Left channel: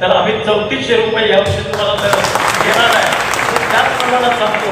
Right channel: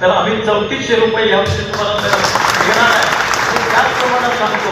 तर आम्ही चौतीसशे रुपये यावर्षी तुम्हाला दर देणार आहे. त्याच प्रमाणात सांगतो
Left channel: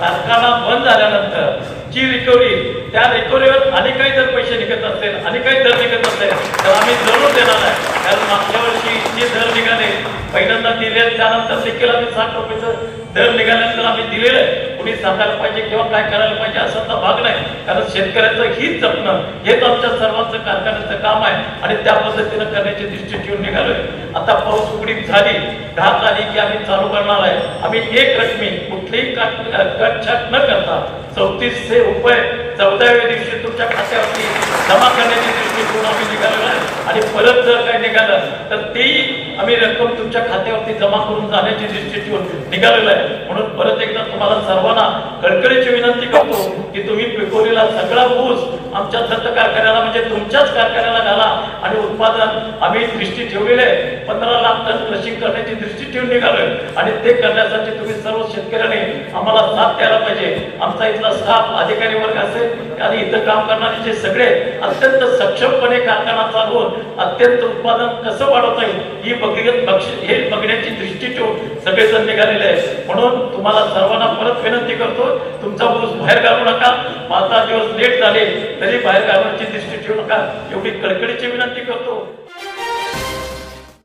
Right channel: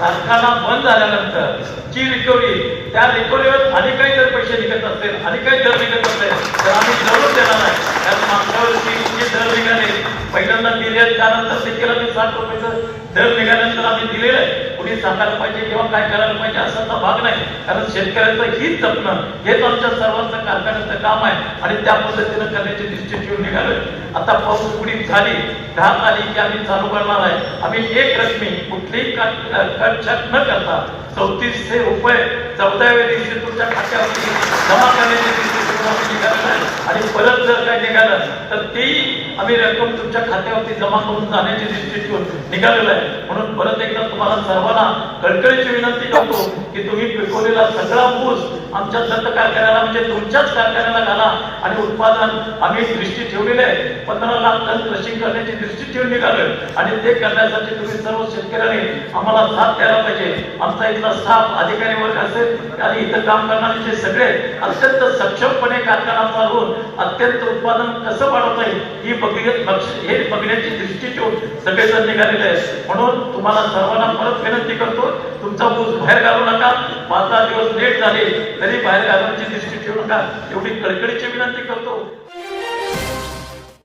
कारखाना बंद झाल्यानंतर जी रिकव्हरी त्या रिकव्हरीवर आणि काही जर पैसे निघत असतील आणि काही दर निघत असेल तर आम्ही जरूर देणार आहे. कारण मागच्या वर्षी जे दर निघाले पहिल्यांदा दिले त्यानंतर देखील आम्ही साठ रुपयाचं दर निघाल्यानंतर आम्ही दिलेलं आहे. कुणी सांगायला पाहिजे किंवा काय करायला पाहिजे असाचा भाग नाही. कारण शेतकऱ्याचं हित जपणं हेच आमच्या सर्वांचं कारखान्याचं काम आहे. आणि त्या पद्धतीनं करण्याची दृष्टी ठेवून निघालोय. आता पाऊस उघडीत झाली दहा तारीख की आम्ही चालू करणार आहे. आम्ही एक रकमी कुठलीही कटछाट न करता चौतीसशे रुपये चौदाव्या दिवशी तुमच्या खात्यावरती जमा करण्याची आम्ही आहे आणि परत जर काय निघालं तर तेही आम्ही रक्कम तुमच्या खात्यावरती जमा करून जाण्याची दृष्टी ठेवून निघालेलं आहे. म्हणून परत एकदा तुम्हाला सर्वांना कळकळीची विनंती करतो की तुम्ही पिकवलेला सगळा ऊस आमच्या दत्त कारखान्याला म्हणजे तुमच्याच कारखान्याला घाला आणि उत्पादन आम्ही दृष्टी ठेवलेलं आहे. पंधरा लाख टन क्रशिंग करण्याची दृष्टी ठेवून निघालोय. आणि ते करण्यासाठी तुम्ही सर्व शेतकऱ्यांनी आम्हाला साथ द्यायला पाहिजे. आमचा इथला स्टाफ अधिकारी वर्ग असेल आणि इथं काम करणारे सगळे अत्यंत सक्षमपणे कारखाना चालवून अत्यंत उत्पादन कसं वाढवता येईल ही बघ- हे बघण्याची दृष्टी ठेवून सगळेजण निघालेले आहे म्हणून तुम्हाला सर्वांना परत विनंती करतो तुमचा ऊस बाहेर घालू नका. पाच दहा दिवस लेट झाले तरी बाहेर घालण्याची दृष्टी ठेवू नका. एवढी कडकडीची विनंती करतो.